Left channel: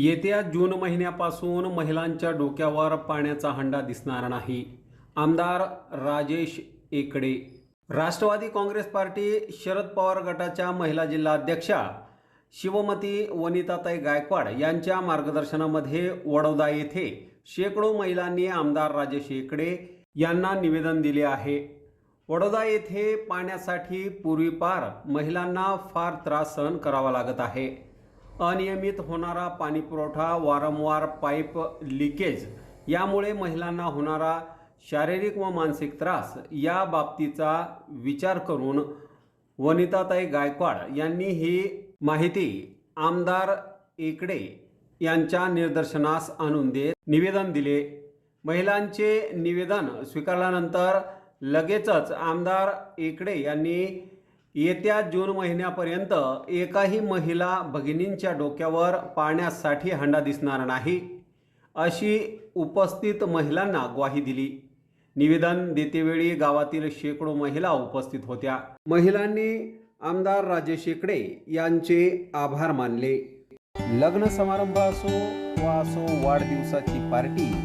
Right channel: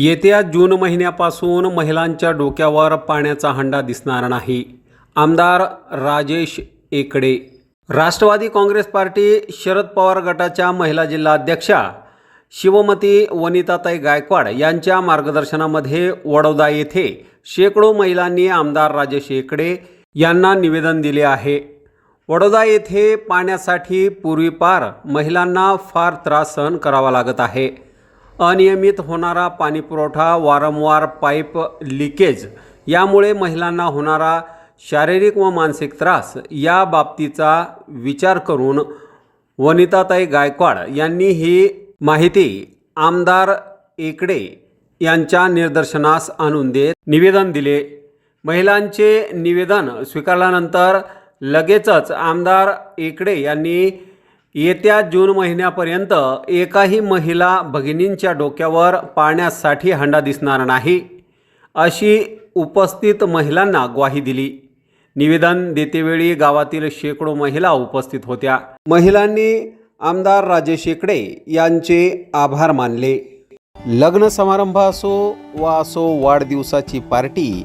येत्या जून महिन्यापासून महिलांच्या डोक्यावर पाण्याचा हंडा दिसणार नाही. आमदार राजेश एकडे. राष्ट्रवादी काँग्रेस पार्टी शरद पवार गटाच्या महिला जिल्हाध्यक्षा शिवमती वनिताताई गायकवाड यांच्या मार्गदर्शनामध्ये वडोदा येथे शेकडो महिलांनी आमदार राजेश एकडे यांना निवेदन दिले आहे. वडोदा येथे पाण्यासाठी पूर्वीपार महिलांना फार त्रास सहन करावा लागत आहे. अनियमित होणारा पाणीपुरवठा वारंवार पाईप लिकेज यामुळे महिलांना होणारा शारीरिक व मानसिक त्रास या बाबतीचा विचार करून वनिताताई गायकवाड यांनी ही माहिती आमदार एकडे यांच्या निदर्शनास आणून देत निवेदन दिले. महिलांचे निवेदन स्वीकारल्यानंतर लगेचच आमदार एकडे यांनी येत्या जून महिन्यापर्यंत एकाही महिला भगिनींच्या डोक्यावर पाण्यासाठी हंडा दिसणार नाही अशी उपस्थित महिलांना ग्वाही दिली. निवेदन देतेवेळी गावातील शेकडो महिला उपस्थित होत्या. महिलांनी आमदार राजेश शेकडे यांचे आभार मानले. लग्न समारंभ असो वा असो वाढदिवसाची पार्टी